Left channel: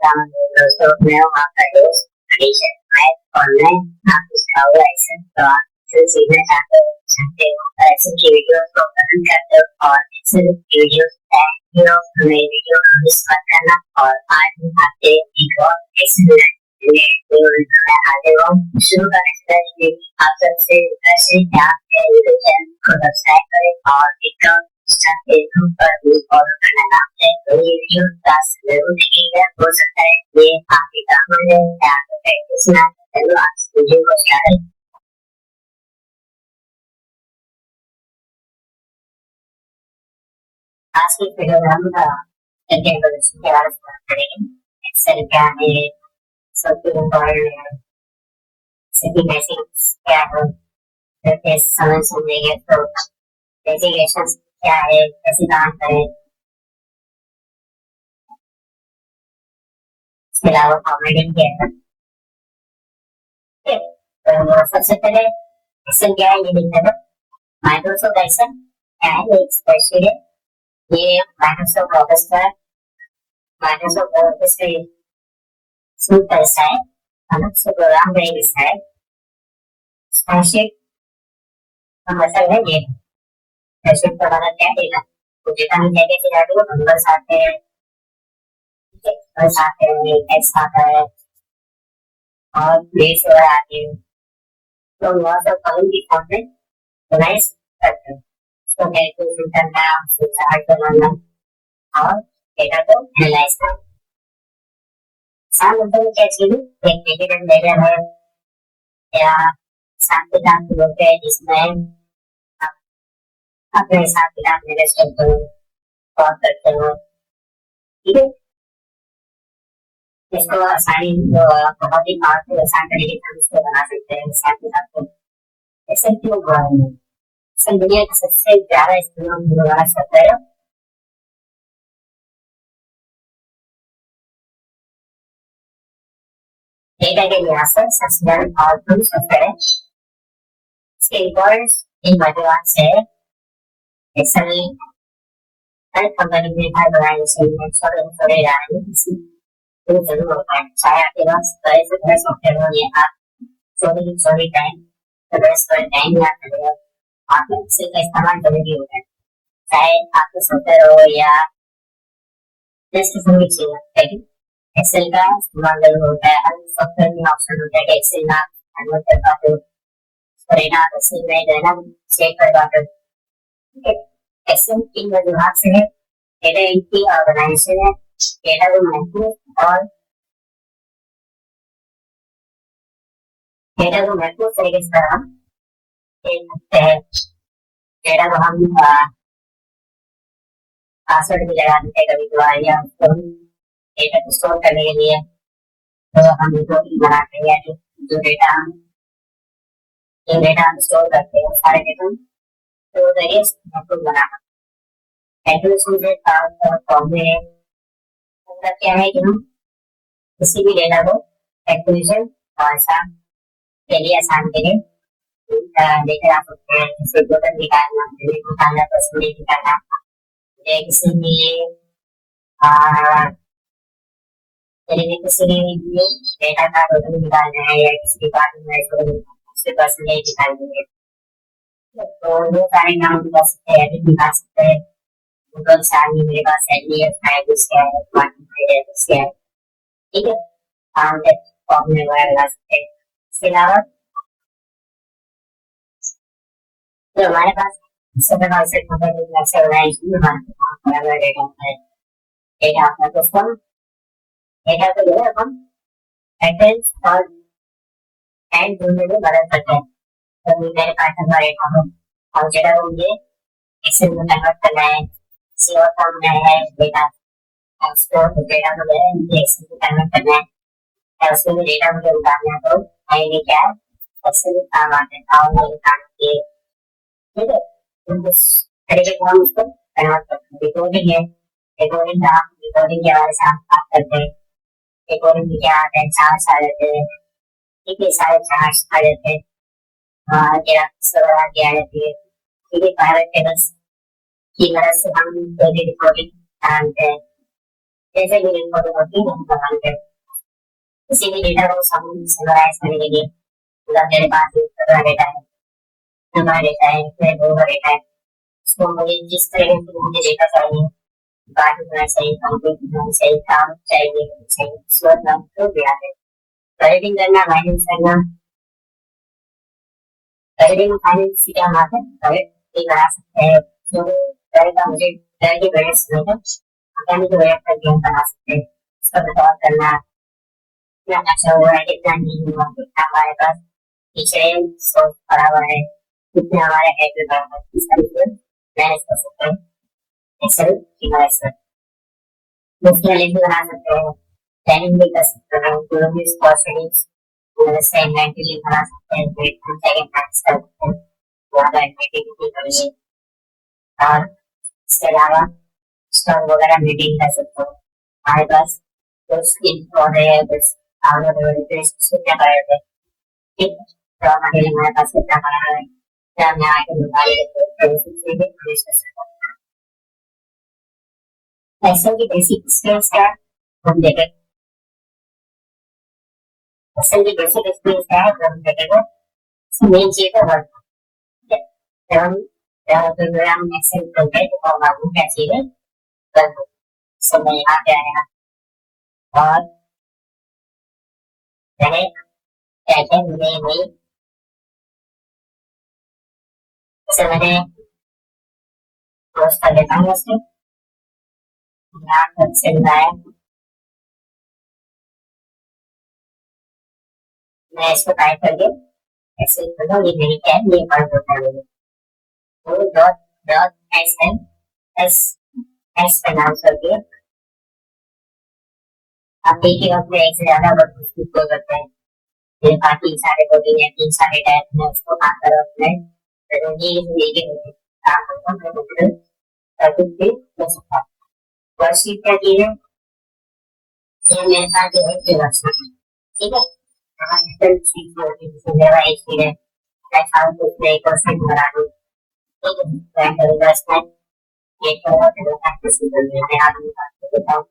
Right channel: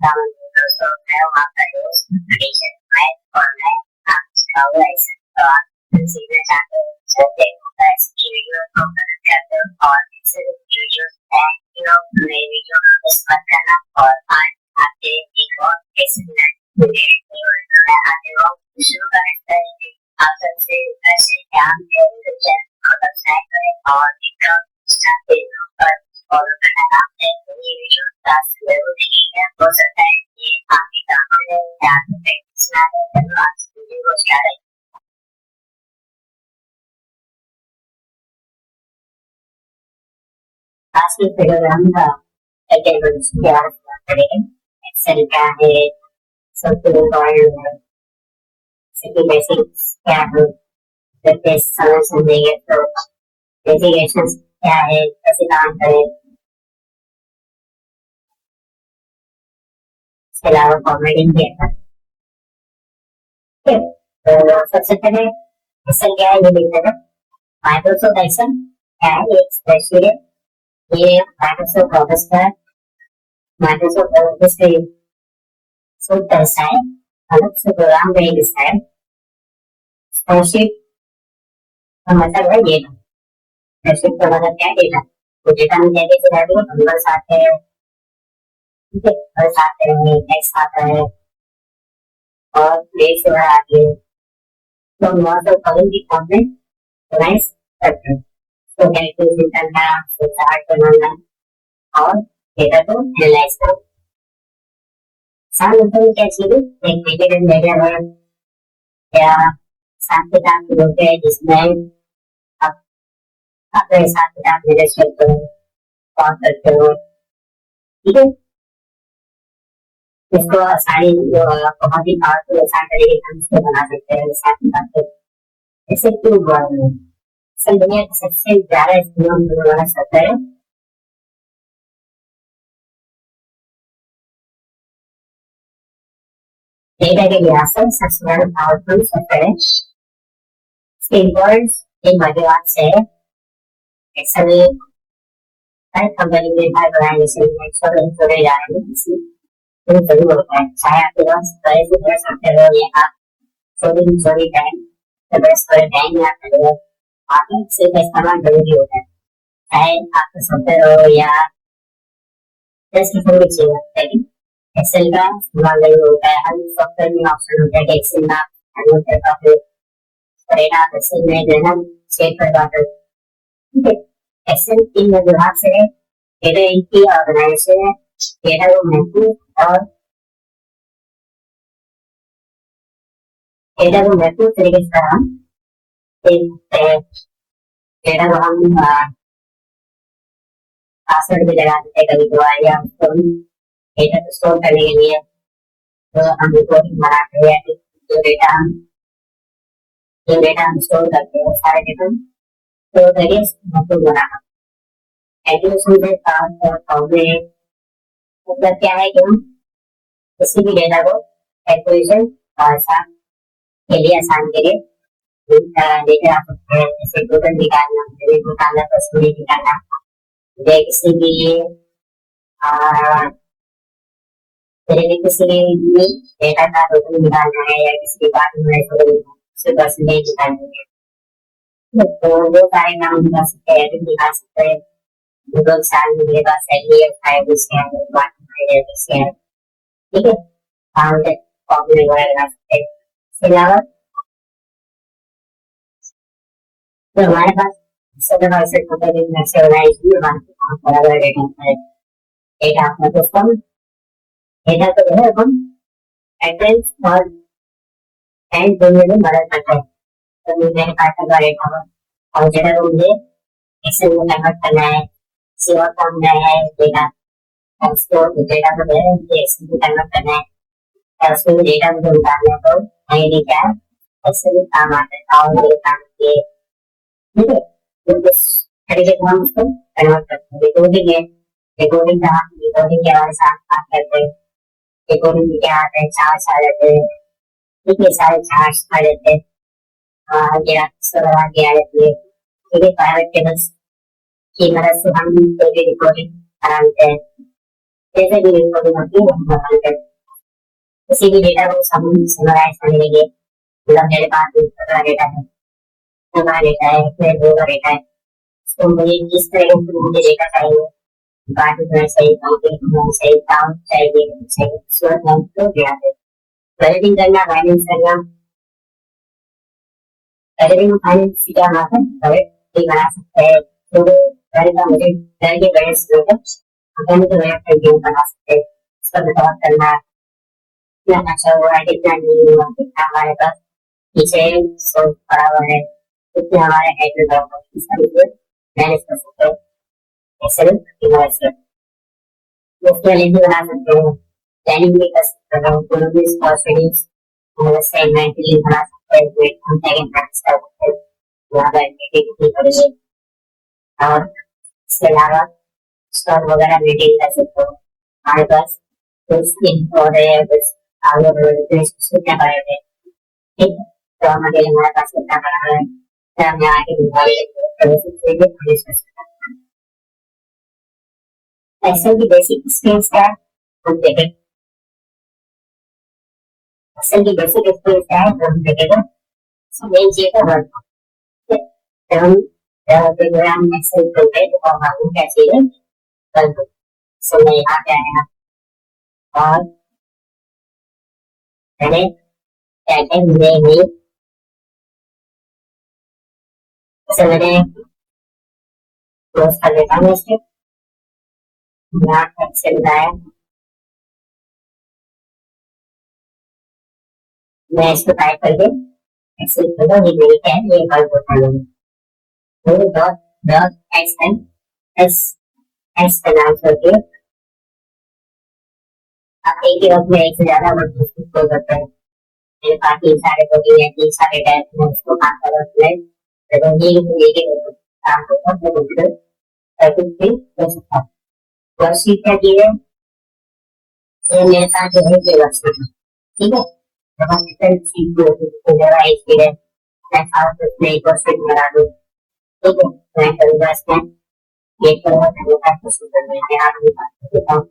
Ramen noodles. So now after those tradition, I online artist how license or consumer after something license videos from the uncut or license videos and you know video on this kind or I have a because license आते हो शुरू करने से पहले आप सबसे ऐसे ध्यान टेलीविजन को सब्सक्राइब करें और विक्रम फेसबुक पर भी फॉलो करना ना भूलें तो ये वीडियो क्लास जरूर देखिएगा हो सकता है ये आपके काम में या तो प्रैक्टिस ना हो चलो आज वीडियो को स्टार्ट करें आज की वीडियो में हम कैटेगरीज के बारे में बात करेंगे एक्सेल क्या है सबसे इम्पोर्टेंट सभी बेसिक्स क्या है फिर समझ समझेंगे तो डेजिग्नेशंस क्या है कैसे काम करें इसके अलावा फॉर्मेटिंग क्या है तो सबसे पहले एक्सेल क्या है ये देखते हैं माइक्रोसॉफ्ट एक्सेल क्या है एक स्प्रेडशीट है ये माइक्रोसॉफ्ट ऑफिस का माइक्रोसॉफ्ट ऑफिस का सूट का हिस्सा है अलग से प्रोग्राम का एक हिस्सा है स्प्रेडशीट का मतलब है ये स्प्रेडशीट का मतलब क्या है डेटा तो डेटा में क्या क्या चीज आती है नंबर्स आते हैं ठीक है नंबर्स आते हैं टेक्स्ट आता है और डेट्स वगैरह आती है तो बहुत सारे कॉलम की फॉर्म में ऑर्गेनाइज करते हैं तो कैलकुलेशन करना चार्ट बनाना और डेटा को एनालाइज करना साथ में क्या चीज एक नेगेटिव लेजर है या साथ किताब की बुक है जिसमें आप अपने हिसाब किताब मैनेज करते हो और करते हो ठीक है इसको आसानी बहुत ही पावरफुल आसान तरीके से हम इसको बना सकते हैं हिसाब किताब को इससे क्यों हुआ है इससे दुनिया का सबसे ज्यादा इस्तेमाल होने वाला शब्द है डेटा के लिहाज से सबसे ज्यादा पावरफुल सॉफ्टवेयर है इसके इम्पोर्टेंस इन मध्यवाद से एक्सेल हर कंपनी में हर बनाए जैसे छोटे जा रहे हैं इसी जरूर होता है चाहे आपके पास बड़े से बड़े सॉफ्टवेयर हो या आप छोटी टाइम तो बड़े टाइम में आप करेंगे आपको इसका इस्तेमाल जरूरी होता है चाहे आपका सॉफ्टवेयर हो या जिस किसी भी चीज लेकिन एक्सेल का इस्तेमाल जरूर होता है हर सॉफ्टवेयर में ऑप्शन होता है कि एक्सेल में आप डाउनलोड कर पाते हो परिणाम एक्सेल में जो है ना सेव कर पाते हो ठीक है एक्सेल इन वजूहात से है डेटा एंट्री ऑर्गेनाइजेशन है डेटा को महफूज और डेटा को महफूज तरीके से हम देख सकते हैं डेटा को हम पासवर्ड भी लगा देते हैं कभी कभार या उसको हम डेटा को स्टोर करने के लिए तो हम रिपोर्टिंग बनाते हैं जो डेटा हम स्टोर करते हैं सारे डेटा तो वेरियस महत्वपूर्ण बनाना कैलकुलेशन से फॉर्मूले मतलब क्या है कि हम किसी भी डेटा को कैलकुलेशन और आसान के लिए लेकर आ सकते हैं जैसे टोटल निकालना डेबिट निकालना परसेंटेज निकालना किसी भी डेटा का टोटल निकालना है या किसी डिपार्टमेंट में टोटल उससे परसेंटेज निकालनी है तो वो सारे काम हम कर सकते हैं एडिट दिखा सकते हैं गूगल साल में मेरे पास एडीएफ फाइल है डिपार्टमेंट है ठीक है हम तक फॉर्मूले वगैरह लगा सकते हैं इसके अलावा तो हमारे पास सब से टोटल नक्शे बनाए इसलिए हमारे पास बड़ा डेटा है डेटा अपना तो कम डेटा को जो है हम एड्रेस और एंड दोनों में बदल सकते हैं तो मेरे पास का डेटा हो और डेटा को मुझे एक्सेल में कन्वर्ट करना है किसी और फॉर्म में है डेटा और उसको डेटा को मुझे एक्सेल में कन्वर्ट करना है और उसमें डेटा मुझे उतारना है तो आईडी क्या है एक्सेल में काम आता है और ये काम किए ठीक है तो इस तरीके से हम उसको कन्वर्ट करते हैं रिकॉर्डिंग है रिकॉर्डिंग के बारे में बात करते हैं रिकॉर्डिंग में क्या आता है चार्ज आ जाते हैं ठीक है सारे चार्ज आ जाते हैं ग्राफिक्स वगैरह की आ जाती है ठीक है प्राइवेट टेबल्स की मदद से हम कोई भी रिकॉर्डिंग बनाते हैं जैसे भी रिपोर्टिंग होती है हम प्रदान करते हैं। किसी भी डेटा को समराइज करने के लिए मतलब मेरे पास एक प्रकार डेटा है, हमारा डेटा है, फिर दो का डेटा है, उसको मुझे किस तरह से मुझे डेटा चाहिए, बात होना चाहिए, काउंटिंग होना चाहिए, काम चाहिए, स्वयं हम क्यों डेटा है, बजटिंग करना, फाइनेंस करना, बजटिंग फाइनेंस क्या बात है, बजट भी बना सकते हैं, तो घर का बजट, घर के बजट से अपने के बजट पर गेम बना सकते हैं, उसका मतलब करना कितना अच्छा हुआ है, कितना नहीं हुआ, कितना हमारे पास पीछे सोच पड़ा हुआ है, कितना हमारा कैपिटल बढ़ा हुआ है, इसका मतलब मैनेज कर सकते हैं, एक्सेल की मदद से मुफ्त वाले भी बना सकते हैं, प्लानिंग भी कर सकते हैं, इकोनॉमिक्स कॉस्ट से इन्वेंटरी बना सकते हैं, फिर हम सेकंड प्रैक्टिस कर सकते हैं, यहाँ पर इन्वेंटरी कितनी करेंगे और इसके अलावा स्टॉक वगैरह मेंटेन कर सकते हो, हमारे पास कुछ इन्फो है, कुछ आगे बढ़े कितना कर रहे थे, ठीक है, तो हमारे लिए हमारे पास कितना करा है, क्या हमें आगे बढ़ा लेते हैं, एक्सेल की बेसिक स्किल्स क्या है हम देखें, एक्सेल की बेसिक स्किल्स क्या है हम देखेंगे, मेन चीज है वर्क, जब हम प्रोग्राम एक्सेल खोलते हैं तो हम आपको क्या चाहिए वर्क, सो मैं यहाँ क्या है और मैंने क्या क्या मुझे नहीं जैसे मैंने क्लोज कर लेता हूँ इसको, यहाँ एक्सेल आया, मैं इसको टाइप करके एक्सेल खोलो, ये मेरी क्या है, ये वर्क होता है, तो dot dot S N S S का नाम करके आप एक ही वक्त में एक से ज्यादा वर्क को करते हैं, मेरे पास तीन सारे प्रोटीन है, तीन सारे टाइप में उसको काम करो तो ये काम करता हूँ तो फिर हो सकता है, वर्कशीट क्या चीज है, ये मेरे पास जो है ये वर्कशीट है, ठीक है, बहुत डिफरेंट चीज होती है, जैसे मेरा एक चीज है, मैं चाहूँ तो उसमें एक वर्कशीट बना दूँ, ठीक है, मैं करूँगा इसमें ये करूँगा तो मेरे पास वर्कशीट बन गई, मैं आपको बता देता हूँ,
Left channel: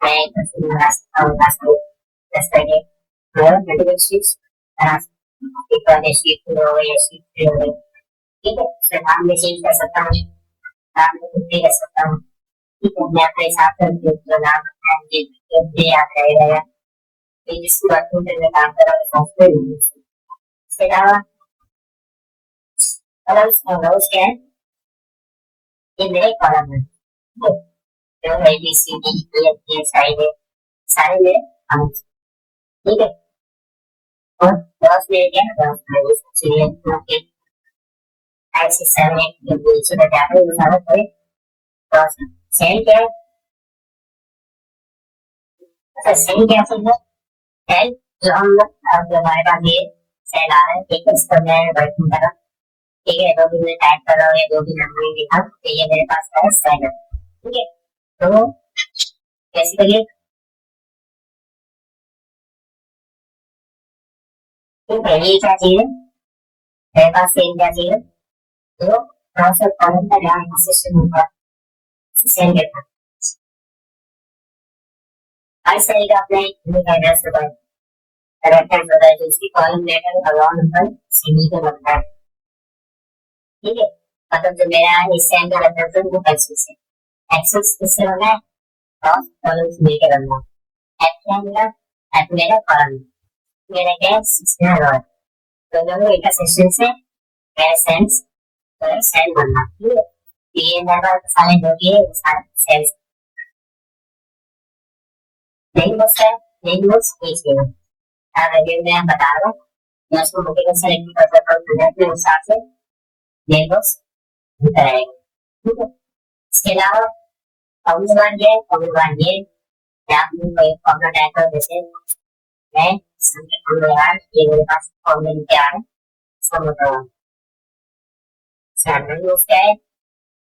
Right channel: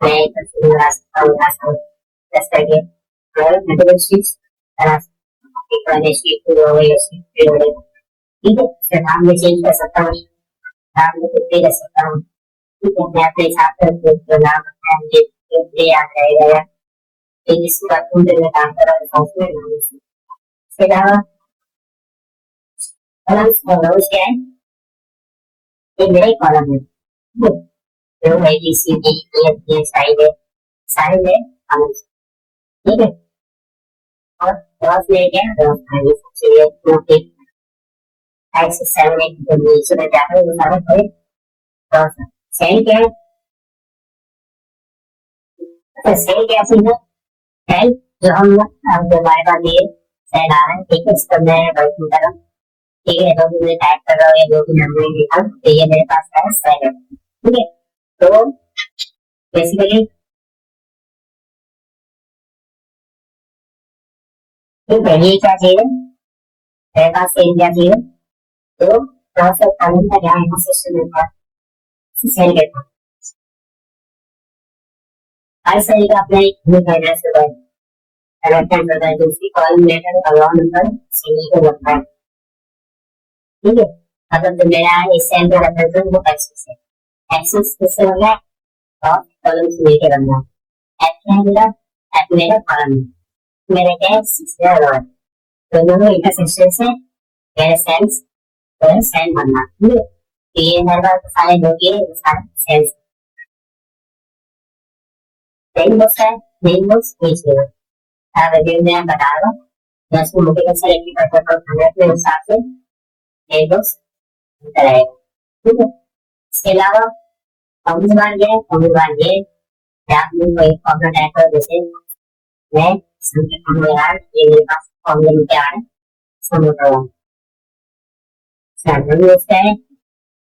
मैं एक वर्कशीट बना सकता हूँ, दस करके और मल्टीपल शीट्स बना सकता हूँ, एक वाले शीट टू हो गई, शीट थ्री हो गई, ठीक है, फिर नाम में चेंज कर सकता हूँ, नाम में कुछ भी कर सकता हूँ, ठीक है, मैं अपने हिसाब से जो नाम रखना है मुझे याद रहेगा, एक इसके बाद में काम कर रहा हूँ सॉफ्टवेयर नाम से, इसके अलावा कॉलम्स और रोज क्या है, एक मेरे कॉलम है, जो है B C D E F G सारे मेरे कॉलम्स, ठीक है, और रोज में क्या है, रोज में सबसे टू 5 6 7 8 जो नीचे में जा रहे हैं वो सारे कोई रोज है, सेल क्या है, अच्छा सेल क्या चीज है, जो हम जो हमारे पास ये सेल आ रहा है, ठीक है, इस पर मैं वर्किंग कर रहा हूँ, ठीक है, जो भी मैं टाइप कर रहा हूँ या जो भी नंबर लिखा हूँ तो ये मेरे पास का सेल है, ठीक है, तो बेसिकली ठीक है, ये क्या चीज है, मेरे पास सेल क्या चीज है, तो प्रोसेस कॉलम का जहाँ यहाँ सिस्टम होता है सेल कहता है, हर सेल का अपना एक यूनिक एड्रेस होता है, रेफरेंस होता है, जो उसकी column letter account number cell को रखता है, ठीक है, मतलब जो मेरा इस सेल का रेफरेंस है वो एक्सेस है, एक्सेस किससे बनना है, क्रॉस कॉलम से लेके बनना है, एफ क्या है मेरा, एफ मेरा कॉलम है, मेरा क्या है सिक्सटीन रो है, तो दोनों इंटरसेक्शन से मेरा सेल्स तो सेल बनना, ठीक है, तो ये मेरे पास सारे जो भी है वो सारे सेल्स, मेन बॉक्स है, मेन बॉक्स ये चीज है, अगर मैं बता रहा हूँ मैं उसको मुझे सेलेक्ट कर सकता हूँ अपने हिसाब से मेन बॉक्स भीतर आएगा, ठीक है, इसके अलावा फॉर्मूला ये आप लोग कोई फॉर्मूला टाइप करो, जैसे मैं यार ये मेरे पास फॉर्मूला क्या है समझ रहा क्या है,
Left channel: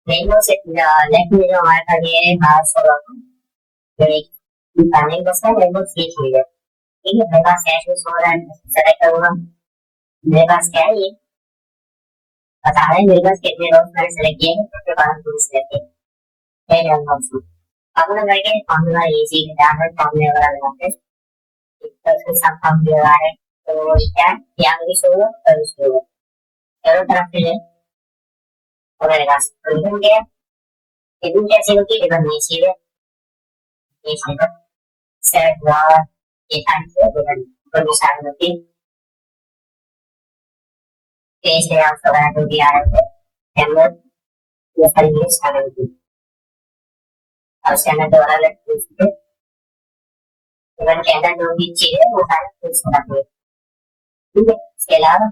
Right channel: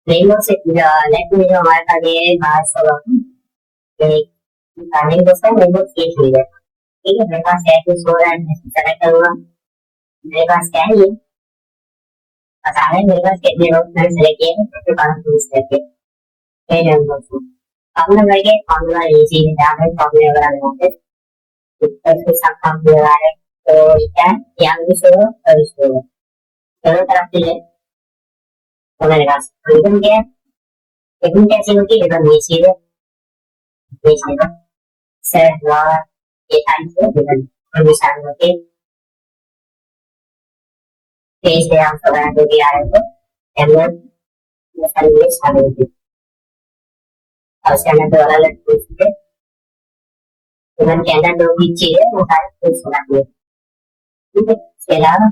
मेनू से लेफ्ट में जो हमारे पास ये है बाहर से एक बसता है मेनू सीट मिल जाएगा, ठीक है, मेरे पास कैश में सो रहा है, मैं सेलेक्ट करूंगा, मेरे पास क्या है ये बता रहा है मेरे पास कितने रोज मैंने सेलेक्ट किए हैं, उसके बाद सेलेक्ट किए formula again, formula is easy download formula around this. Because we some formula are so yang di solo terus dulu. Kalau terakhir hमारे पास इधर कैसे होती है डिफरेंट ये सर ये टाइम से डिफरेंट कंडीशन होती है इसे आप बना दो भी आ रहे थे एमएल ये सारी ये शामिल होती और उसके अंदर दोबारा लगती है इवन के अंदर जो भी चीजें वो सारी कुछ रखनी है ठीक है इसके अलावा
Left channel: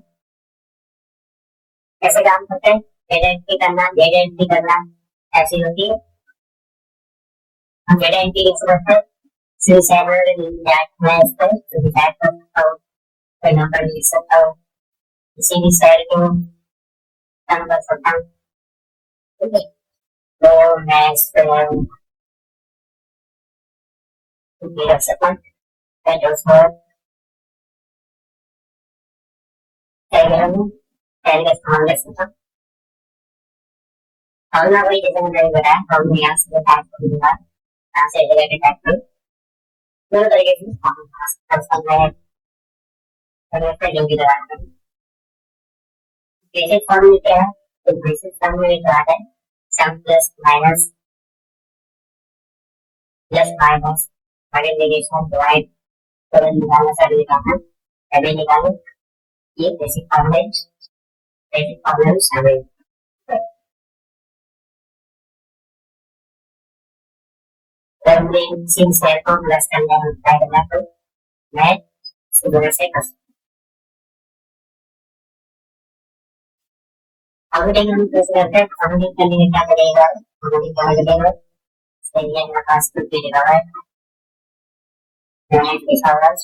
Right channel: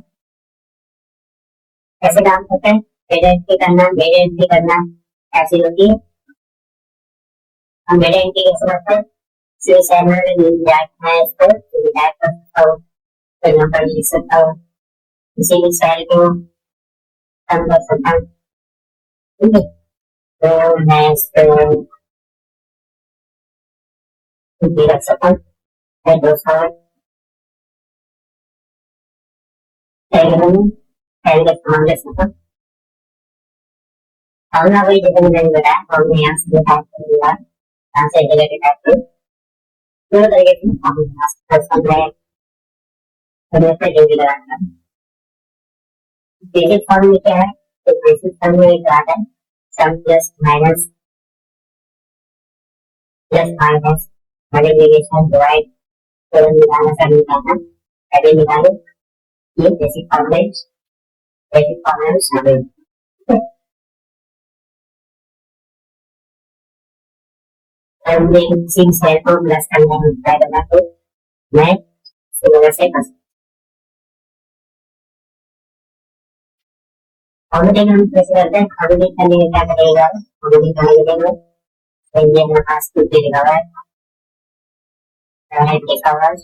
कैसे काम करते हैं डेटा एंट्री करना ऐसी होती है हम डेटा एंट्री कैसे करते हैं सी सैमल में जाट है इसको तो जाट कर सकता हूँ कोई नंबर लिख सकता हूँ किसी भी सेल को कम कर सकता हूँ ठीक है तो मैं इसको रख सकता हूँ मैं दोस्तों सेल का इस्तेमाल कर सकता हूँ हमने वही जैसे मैंने बताया हमने यहाँ से टाइप कर दिया यहाँ से डेटा टाइप कर दोनों तरीके से हम जो भी लगाना बेसिक फॉर्म में क्या है तो बेसिक फॉर्म में जो आता है सम प्लस माइनस मल्टीप्लिकेशन डिवाइड तो निकालना सब निकालना अभी निकालो ये बेसिक फॉर्म में शामिल सिंह सेल को प्लस करना है तो मैं इसकी वजह से कर फॉर्मेटिंग हम कैसे करते हैं फॉर्मेटिंग करने में क्या करेगा फॉर्मेटिंग करने लगेगा सही है मेरे पास कुछ भी लिखा हुआ है राइट लिखा हुआ है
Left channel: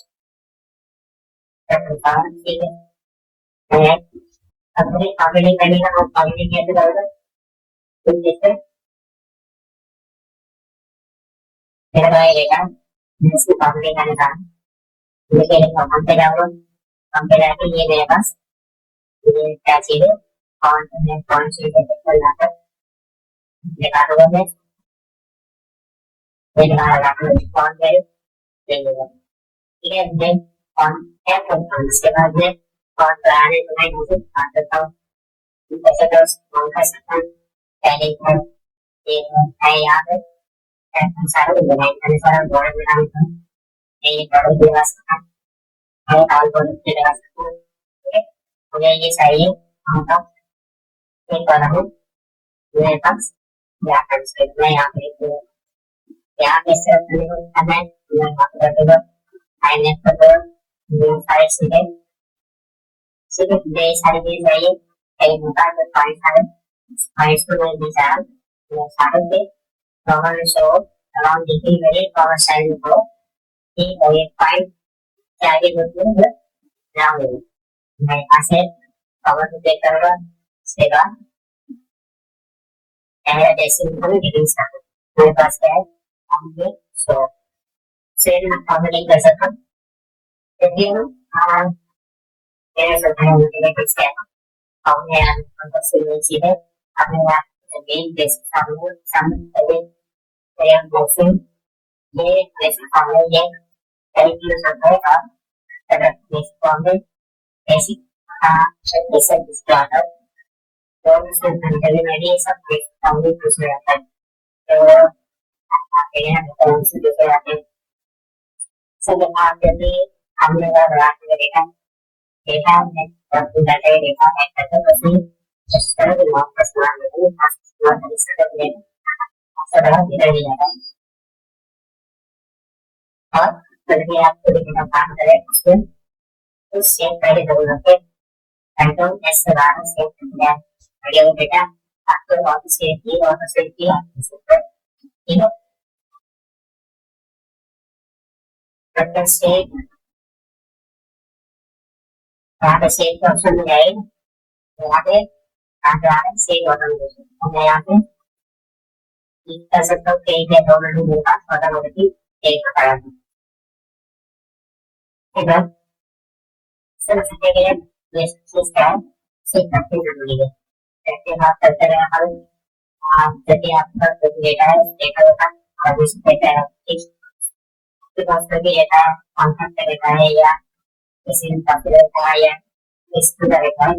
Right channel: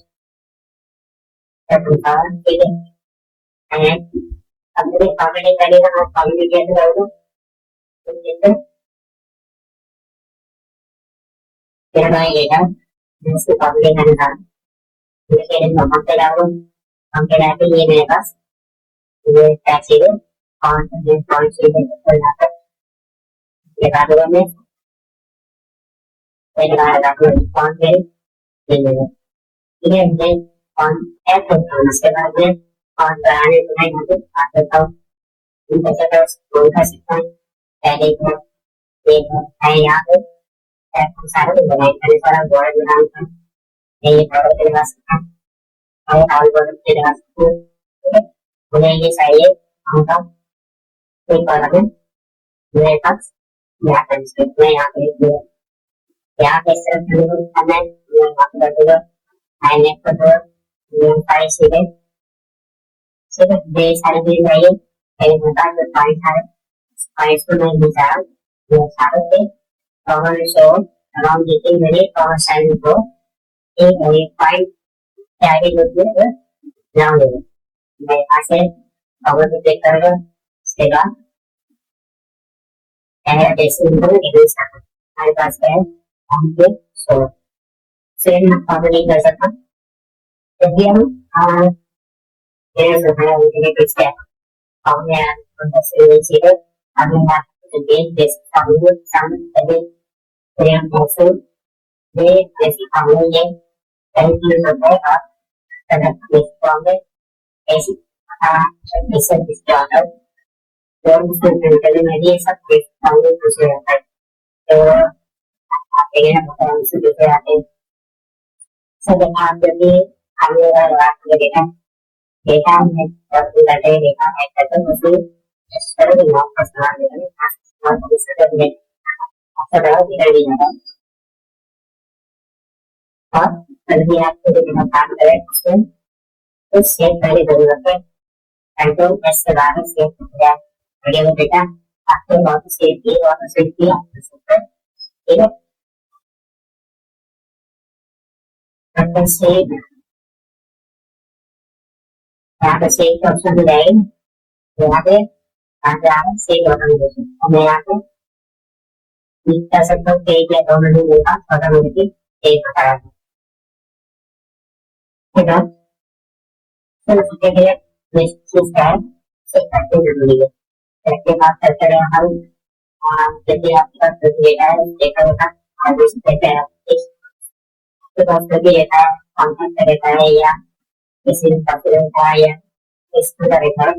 ठीक है अब मुझे फॉर्मेटिंग करेगा और फॉर्मेटिंग कैसे करोगे कुछ जैसे फिर मैं लेगा मैं इसकी फॉर्मेटिंग करने का लेकिन हम पे डाउनलोड हम पे डालते ये मेरे पास ये क्या चीज़ है और मैं कौन सी चीज़ है लगा दूंगा मैं लगा रहा हूँ कौन से ठीक है मैं ऑन ऐप करता हूँ उसके बाद मैं ऑन कराने तो मैं यहाँ से बात करता हूँ कैसे कर सकता हूँ पहले एक है यहाँ पे सारा डिजाइन करने सारा बॉर्डर बनाना है ये बॉर्डर लगा सकता हूँ हम आल बॉर्डर लगा सकते हैं ठीक है मुझे ये चाहिए हमका एक कॉलम है मेरे पास यहाँ पर स्क्रिप्ट में यहाँ पे यहाँ पे इस तरह से कुछ करना है मैं यहाँ पे कर दूँगा आई नेट कर दूँगा ये सारी चीजें सिर्फ ये सारी चीजें चाहिए कहीं होता है तो पॉइंट्स को मैं ले जा रहा हूँ ये सारे पे common show around getting very common style को एक और एक पॉइंट के आगे होती है ग्राउंड लेवल मैं यहाँ से कवर को क्लिक करूँगा उसके बाद यहाँ जैसे इनको डिक्रीज करना हमारे पास क्या है हम पे शो सेम हम कवर नहीं कर सकता जब भी हम मेरे से बना हुआ है किस क्या हमने यहाँ पर से सीधे हमने यहाँ again basic formula some very very important ये basic formula ये कई यूज होता है और अगर basic formula basic इसे इसके ऑर्डर तो इसमें प्रिंटर में ये सब basic formula पूछे जाता है तो आप देखिए ना मतलब से पूछे जाते हैं सब आप जब भी हमने लगा के डेटा में जब भी डाटा डेटा है तो उसे just करो कि नॉट का इस्तेमाल करें और इस तरह से सरल भी कर दिया जाता है और कभी आपको देखना काम करें उसमें तो सेव पहले जरूरत है कंट्रोल एस से बाहर सेव कर दिया अगर वो डेटा आपको वापस सेव किया आप कर सकते हैं ठीक है कंट्रोल सेव यहाँ पे सेव का ऑप्शन मिल जाएगा यहाँ पे आ रहा है सेव ऑटोमेटिक और मैं यहाँ पे क्लिक कर सकता हूँ कि क्या ऑटोमेटिक होगा ऑटोमेटिक सेव होता है ठीक है सबसे पहले बेसिक चीज क्या है सेव करते जरूरी है इसके बाद करते रहे हम जब भी आपके पास डेटा है डेटा होगा पार्टिसिपेट है पोस्टर भी रहता है, कॉन्टेक्ट रहता है या किसी का रहता है या किसी का रहता है,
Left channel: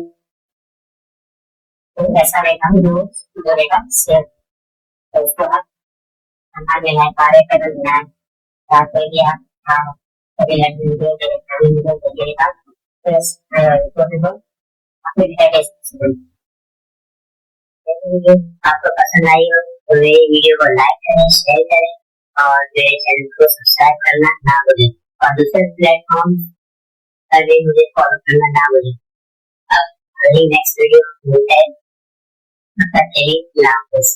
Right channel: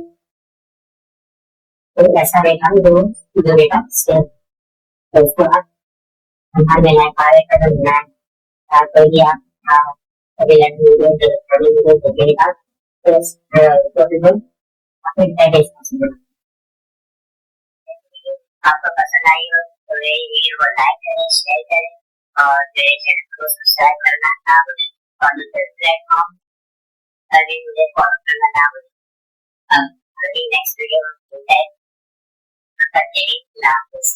तो ऐसा रहता है जो रहेगा सेम। तो उसको आप हमारे में लाइक पारे कर देना है, आप कोई भी आप कभी वीडियो देखेगा तो भी अपने डेटा बेस पॉसिबल। वीडियो आपको पसंद आई हो तो मेरी वीडियो को लाइक करें, शेयर करें और मेरे चैनल को सब्सक्राइब करना ना भूलें और दूसरे प्लेटफॉर्म पर भी मुझे फॉलो करना ना भूलें। अब अगली नेक्स्ट वीडियो मिलते हैं, तब तक के लिए अल्लाह हाफिज़।